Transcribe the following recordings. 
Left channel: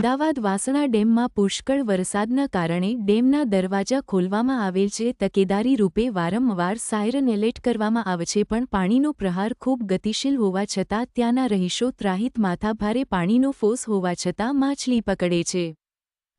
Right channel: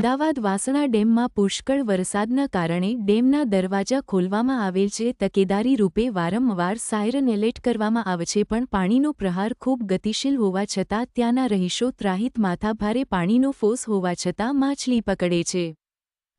અમદાવાદ વાસણા ડેમમાં પુષ્કળ વરસાદના કારણે ડેમના દરવાજા ખોલવામાં આવેલ છે. તકેદારી રૂપે વારંવાર સાયરન એલર્ટ કરવામાં આવે છે, પણ પાણીનો પ્રહાર ખૂબ ગતિશીલ હોવા છતાં ત્યાંના રહીશો ત્રાહિત માથાભારે પાણીનો ફોર્સ હોવા છતાં માછલી પકડે છે.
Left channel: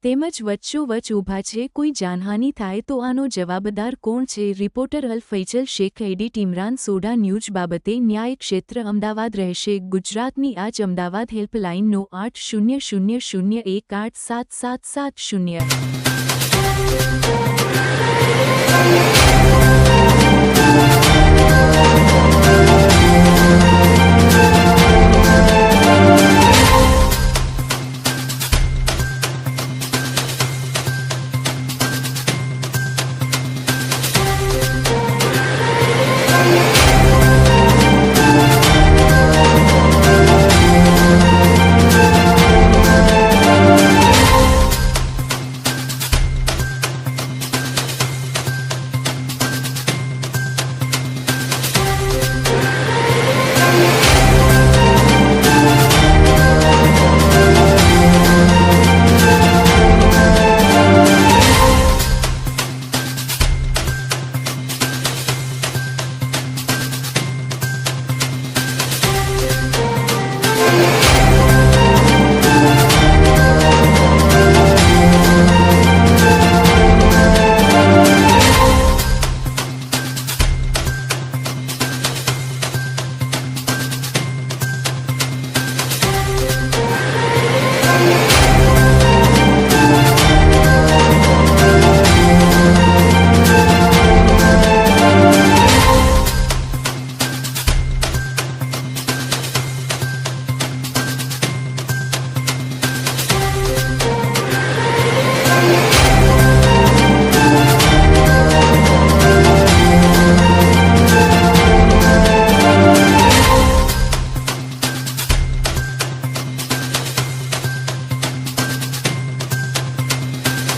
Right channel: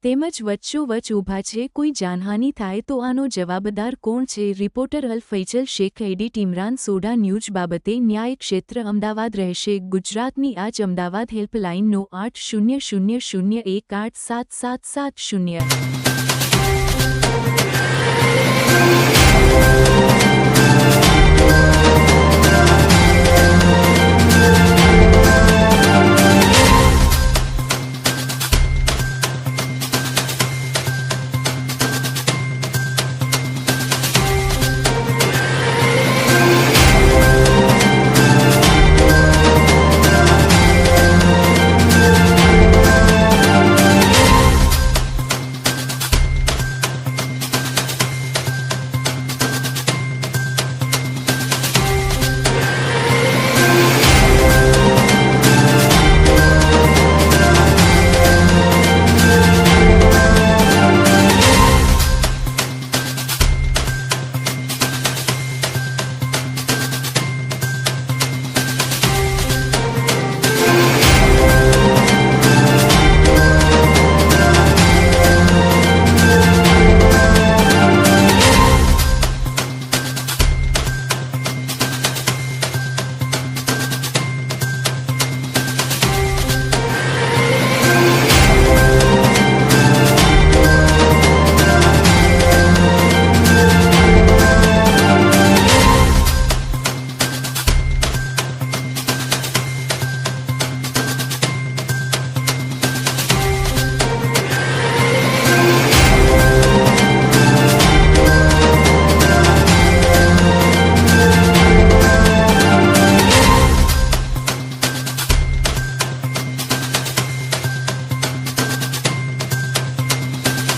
તેમજ વચ્ચોવચ્ચ ઊભા છે. કોઈ જાનહાનિ થાય તો આનો જવાબદાર કોણ છે? રિપોર્ટર અલ ફૈઝલ શેખ, એડિટ ઇમરાન સોઢા. ન્યૂઝ બાબતે ન્યાય ક્ષેત્ર અમદાવાદ રહેશે ગુજરાતની આજ અમદાવાદ હેલ્પલાઇનનો 800001877770